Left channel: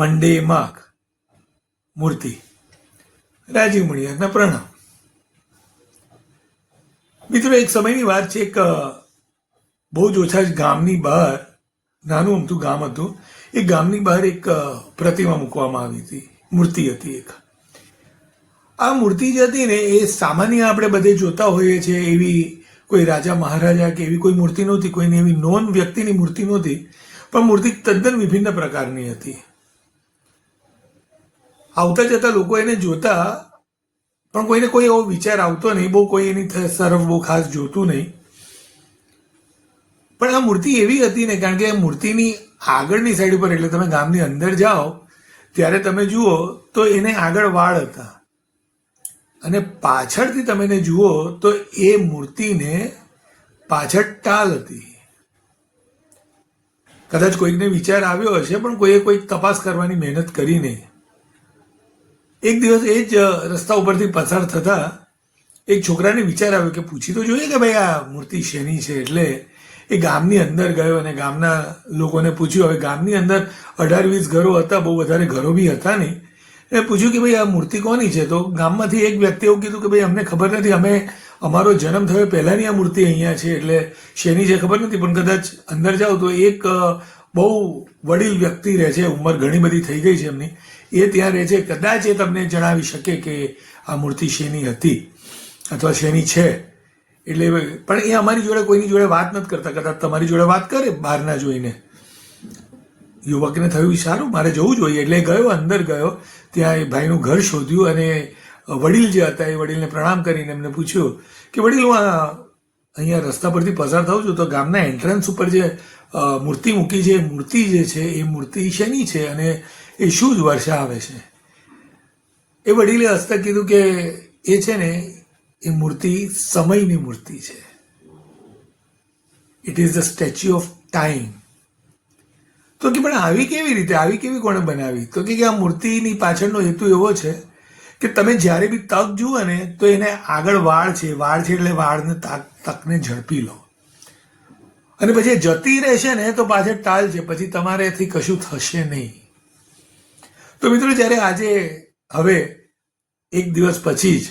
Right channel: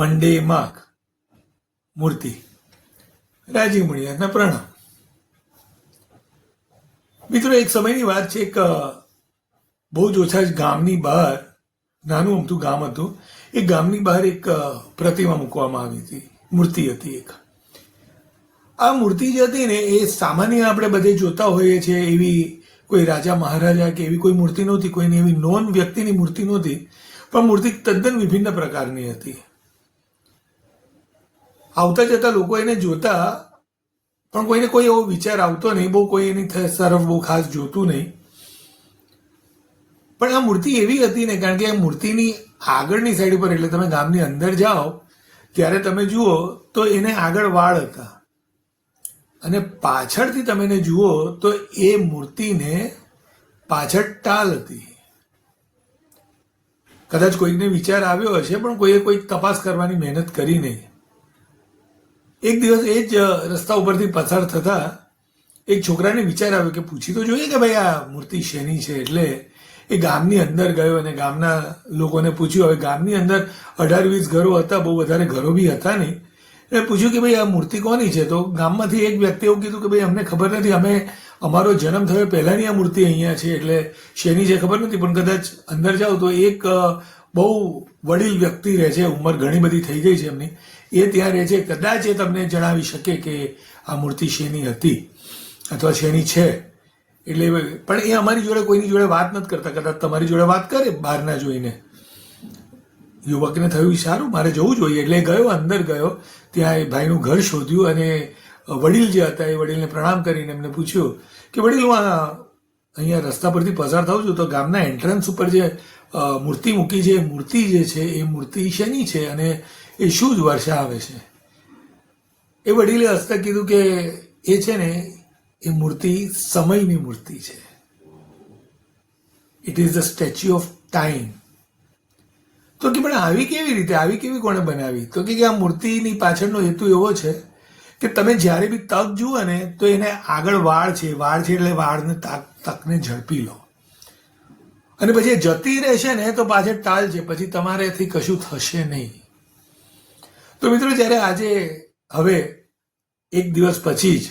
મંડે માગ મૂર્તિ રાજીવ મણિયારના પ્રણામ. મિત્રો, એક સમયની વાત છે. એક બહુ જ ઓછા જ ગામની બહાર, નાનું અમથું ગામ હતું, એ ગામની બહાર એક પ્રતિમા મૂકવામાં આવી હતી, મૂર્તિ હતી એક. આ મૂર્તિ જે હતી ને, એ સામાન્ય આપણે બધે જોતા હોઈએ છીએ એવી કોઈ રાજા મહારાજા કે એવી કોઈ મૂર્તિ નહોતી, કોઈની એવી નોન વ્યક્તિની મૂર્તિ નહોતી, પણ મૂર્તિ તદ્દન વિભિન્ન પ્રકારની હતી. આવતા જતા લોકો એને જોતા, પણ કોઈને કોઈ એવો વિચાર આવતો નહીં, બહુ કોઈ એની તરફ બહુ ખાસ જોતું નહીં. પણ આ મૂર્તિ એવી હતી ને, કારણ કે મૂર્તિની આગળની સાઈડ ઉપર, એટલે તમે ગામની અંદર જાઓ ત્યારે તમે જુઓ તો એને આગળ વાળ હતા, અને પાછળથી તમે એને જુઓ તો એ મૂર્તિને પાછળ ટાલ હતી. કદાચ કોઈકને વિચાર આવ્યો હશે, પણ કોઈએ કોઈ તપાસ કરવાની મહેનત કરી નહીં. એક દિવસ એ જ રસ્તા ઉપરથી પસાર થતા એક છોકરાને વિચાર આવ્યો કે પૂછી તો જોઈએ કે ભાઈ આ મૂર્તિ શેની છે. એટલે એ ગામની અંદર ગયો અને ગામના લોકોને પૂછ્યું. હવે ગામની અંદર 18-20 ઘરો હતા, બહુ વધારે ઘરો બી હતા નહીં. એટલે પૂછ્યું કે ભાઈ આ મૂર્તિ કોની છે? તો ગામમાંથી એક વ્યક્તિ એવું કીધું કે ભાઈ અમને ખબર નથી, અમે અમારો જન્મ થયો પહેલાંની આ મૂર્તિ અહીંયા છે, એટલે શેની છે ખબર નથી. પણ કદાચ અંદર જાઓ તો એક બહુ વડીલ વ્યક્તિ રહે છે, ઉંમર ઘણી બધી થઈ ગઈ છે એમની, એ ત્યાં રહે છે. કદાચ એ તમને જણાવી શકે કે આ મૂર્તિ શેની હતી અથવા શેની છે. એટલે પણ એ અમારી જોડે કોઈની જોડે વાત નથી કરતા. કદાચ તમારી જોડે વાત કરે બહારના જોઈને. યુવકને થયું સારું, મારે જવું જોઈએ. એટલે ગયો, અંદર ગયો, ત્યાં એ ભાઈનું ઘર શોધ્યું અને વડીલ જે હતા એ વડીલને પ્રણામ કરીને એમને પૂછ્યું કે વડીલ, હું અહીંયા રસ્તા પરથી પસાર થાઉં છું, તો ગામના એન્ટ્રન્સ ઉપર જે મૂર્તિ મૂકી છે, એ મૂર્તિ જે છે એ મૂર્તિ શેની છે અને એ શું જ દર્શાવે છે? એ વડીલે હસતા કીધું કે એ છે ને, એ મૂર્તિ સમયની મૂર્તિ છે. It is the statue of time. તો કે પણ આવી કેવી રીતે, આવી કેવી કોણે બનાવી? તો કે આ મૂર્તિની પાછળનો હેતુ એવો છે કે તમે જ્યારે બી તક જુઓ ને, તો એને આગળ વાળ છે, એટલે વાળને તકને ઝડપી લો, અને પછી જતી રહેશે ને તો પાછળ ટાલ છે, પછી તમારેથી કશું થશે નહીં. તો મિત્રો, જ્યારે આજે હવે એક દિવસ પછી જ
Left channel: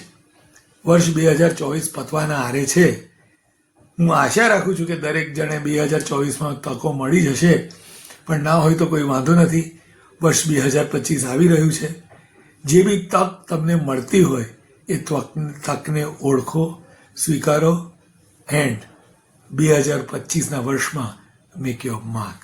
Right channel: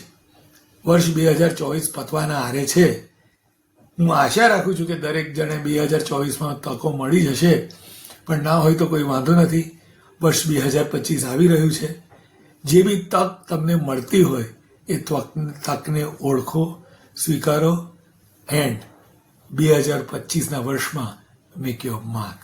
વર્ષ 2024 પતવાના આરે છે, હું આશા રાખું છું કે દરેક જણે 2024માં તકો મળી જશે. પણ ના હોય તો કોઈ વાંધો નથી. વર્ષ 2025 આવી રહ્યું છે. જે બી તક તમને મળતી હોય એ તકને ઓળખો, સ્વીકારો, એન્ડ 2025ના વર્ષમાં મેક યોર માર્ક.